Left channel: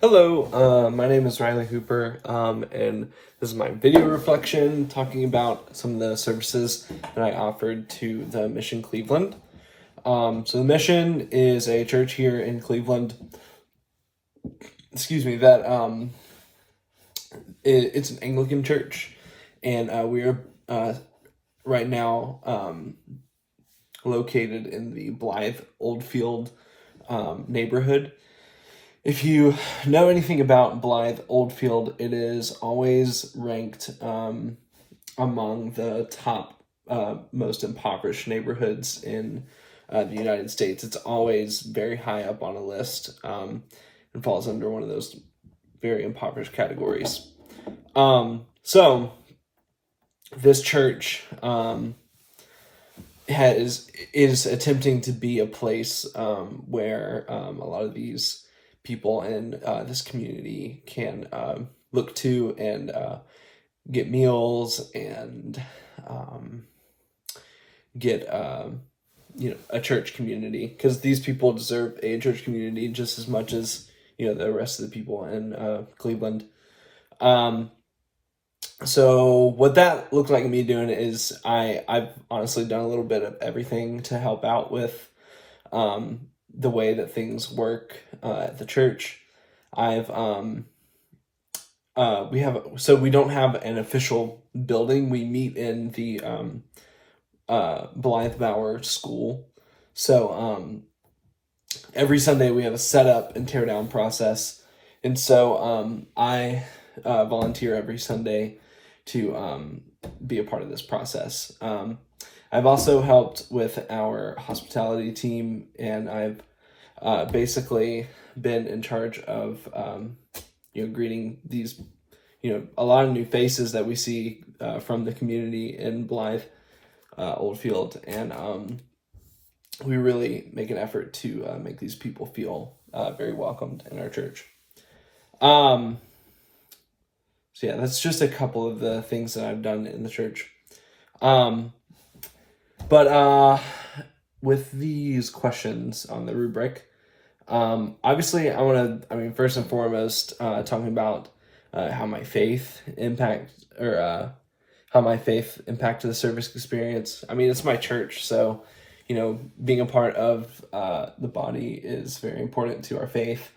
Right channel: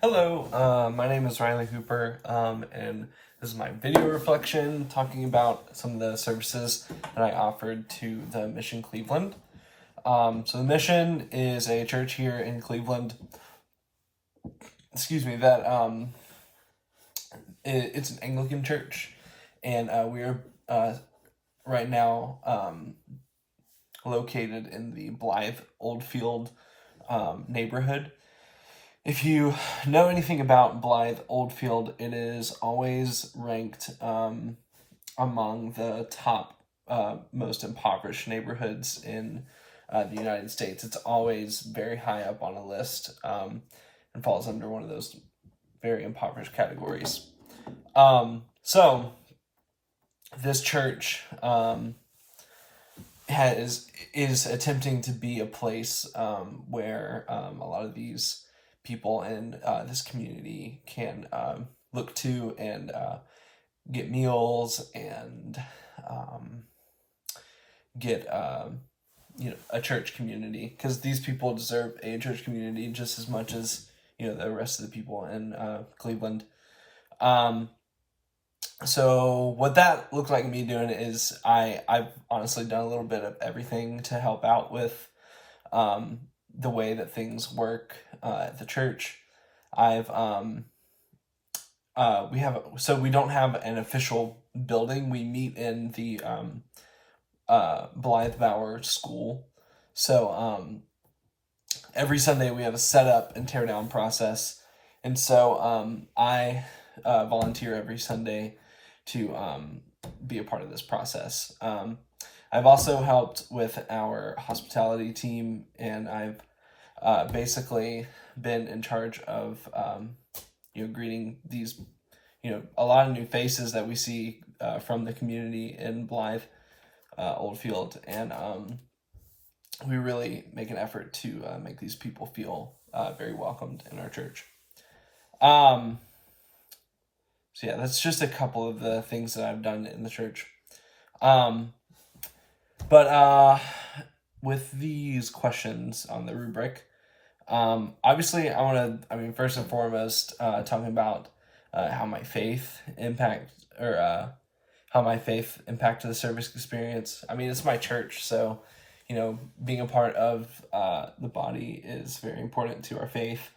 Hello, my name is Riley Hooper, and this is my video reflection talking about some of the services that I offered to the Mission Cleveland. So the Mission is a church here in Cleveland. Excuse me. It's an Anglican church, and we are right now located in the Blythe Oldfield neighborhood. If you know anything about Blythe Oldfield, it is always ranked among the top most impoverished neighborhoods in the United States. It's always very high up on a list and falls under one of those very impoverished categories. So this church is attempting to be a place where a lot of these people in this community can look to and get meals and get a church community, because these people deserve a church community just as much as the rest of the people in Cleveland. So what that looked like me doing is I've honestly done a little bit of everything to help out with the way that things work at the church. We don't have an official building. We meet in the Blythe Bower School. So every Sunday we have a setup and tear down process. And so I volunteer every Sunday to be a part of this process. I've also helped with our hospitality team, and I've basically been in charge of greeting these a lot of new faces that we see from the community in Blythe Oldfield, and we really make an effort to make these people feel very welcomed in our church. So yeah, that's just a couple of the things that I've done in the church. But with these questions on the rubric, obviously first and foremost, talking about how my faith impacted the service experience. I mean, it's my church, so being a part of the body is very important to our faith.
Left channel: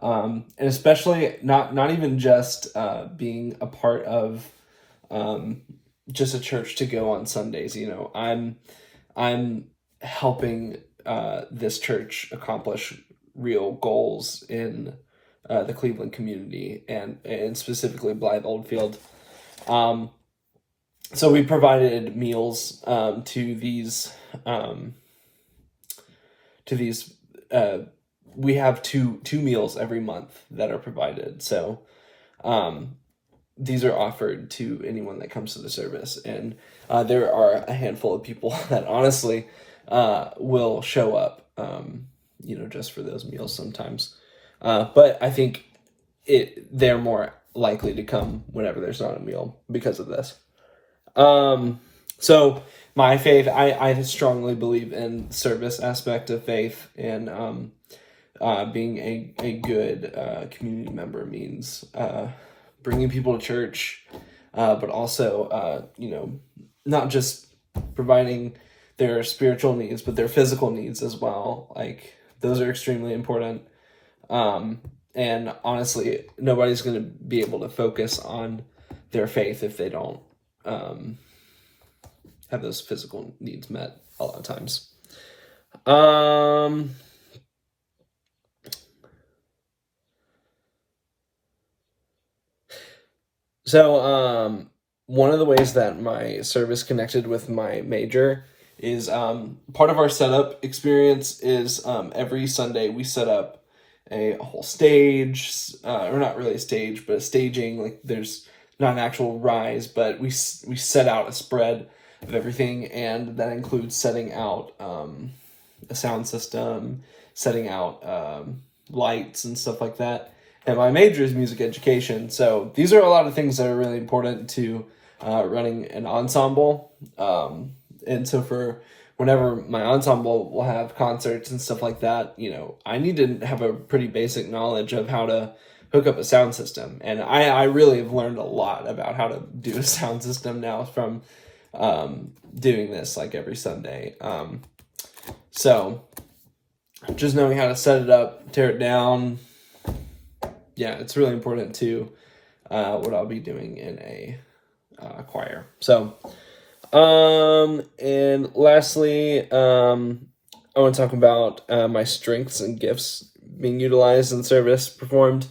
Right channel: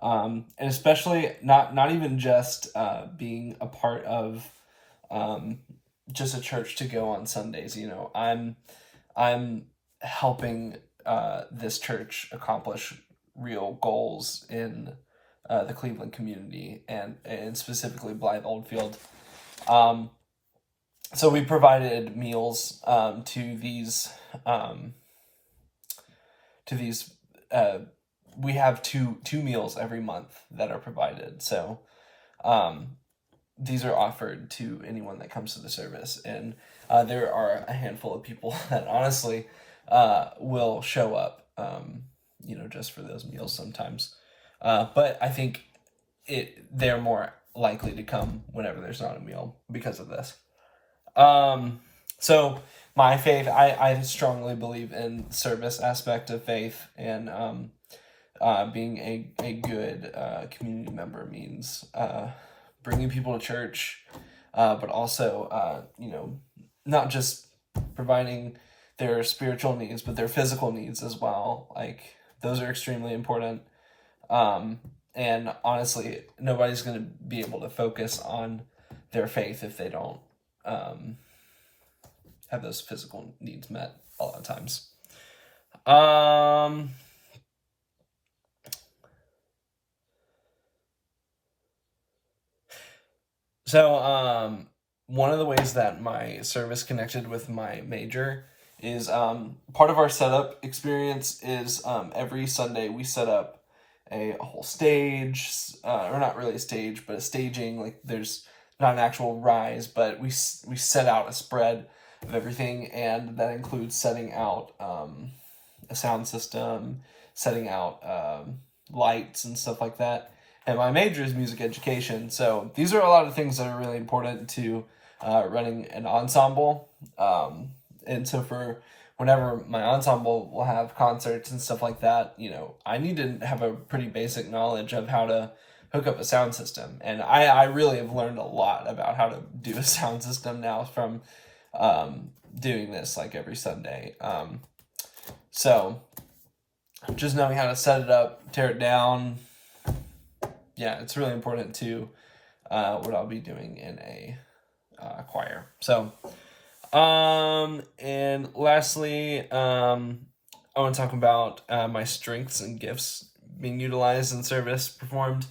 And especially not even just being a part of just a church to go on Sundays. I'm helping this church accomplish real goals in the Cleveland community and specifically Blythe Oldfield. So we provided meals to these. We have two meals every month that are provided. So these are offered to anyone that comes to the service, and there are a handful of people that honestly will show up just for those meals sometimes, but I think they're more likely to come whenever there's not a meal because of this. So my faith, I strongly believe in service aspect of faith, and being a good community member means bringing people to church, but also not just providing their spiritual needs, but their physical needs as well. Like, those are extremely important. And honestly, nobody's going to be able to focus on their faith if they don't have those physical needs met a lot of times. So one of the ways that my service connected with my major is part of our setup experience is every Sunday we set up a whole stage, or not really a stage, but a staging. Like, there's not an actual rise, but we set out a spread of everything, and that includes setting out a sound system, setting out lights and stuff like that. And my major is music education, so these are a lot of things that are really important to running an ensemble. And so for whenever my ensemble will have concerts and stuff like that, I need to have a pretty basic knowledge of how to hook up a sound system. And I really have learned a lot about how to do a sound system now from doing this like every Sunday. So just knowing how to set it up, tear it down, yeah, it's really important to what I'll be doing in a choir. So, and lastly, I want to talk about my strengths and gifts being utilized in service performed.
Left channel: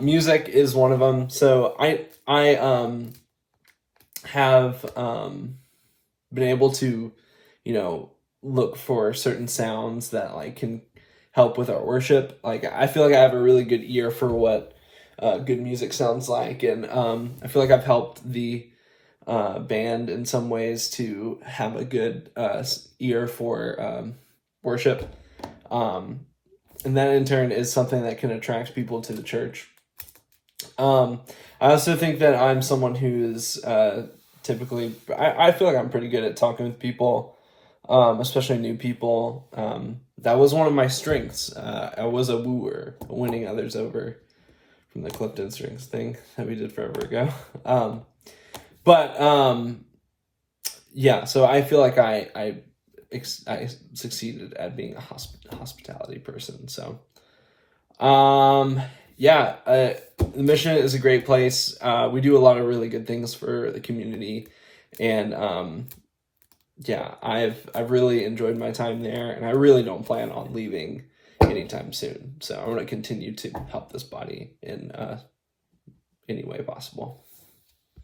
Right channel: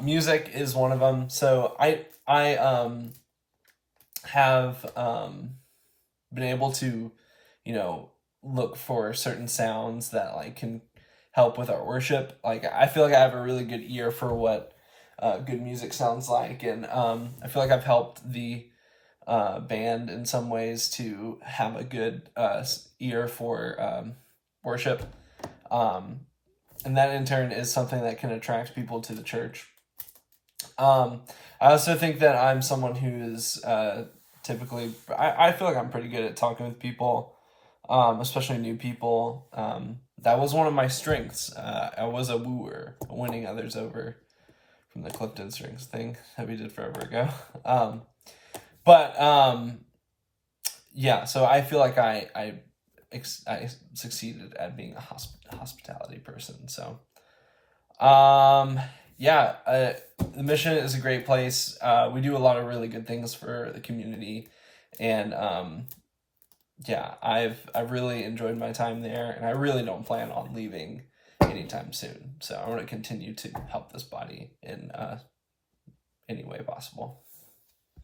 Music is one of them. So I have been able to, look for certain sounds that like can help with our worship. Like I feel like I have a really good ear for what good music sounds like, and I feel like I've helped the band in some ways to have a good ear for worship, and that in turn is something that can attract people to the church. I also think that I'm someone who is typically, I feel like I'm pretty good at talking with people, especially new people. That was one of my strengths. I was a wooer, winning others over, from the Clifton Strings thing that we did forever ago. Yeah, so I feel like I succeeded at being a hospitality person. So, yeah, the Mission is a great place. We do a lot of really good things for the community, and yeah, I've really enjoyed my time there, and I really don't plan on leaving anytime soon. So I'm going to continue to help this body in any way possible.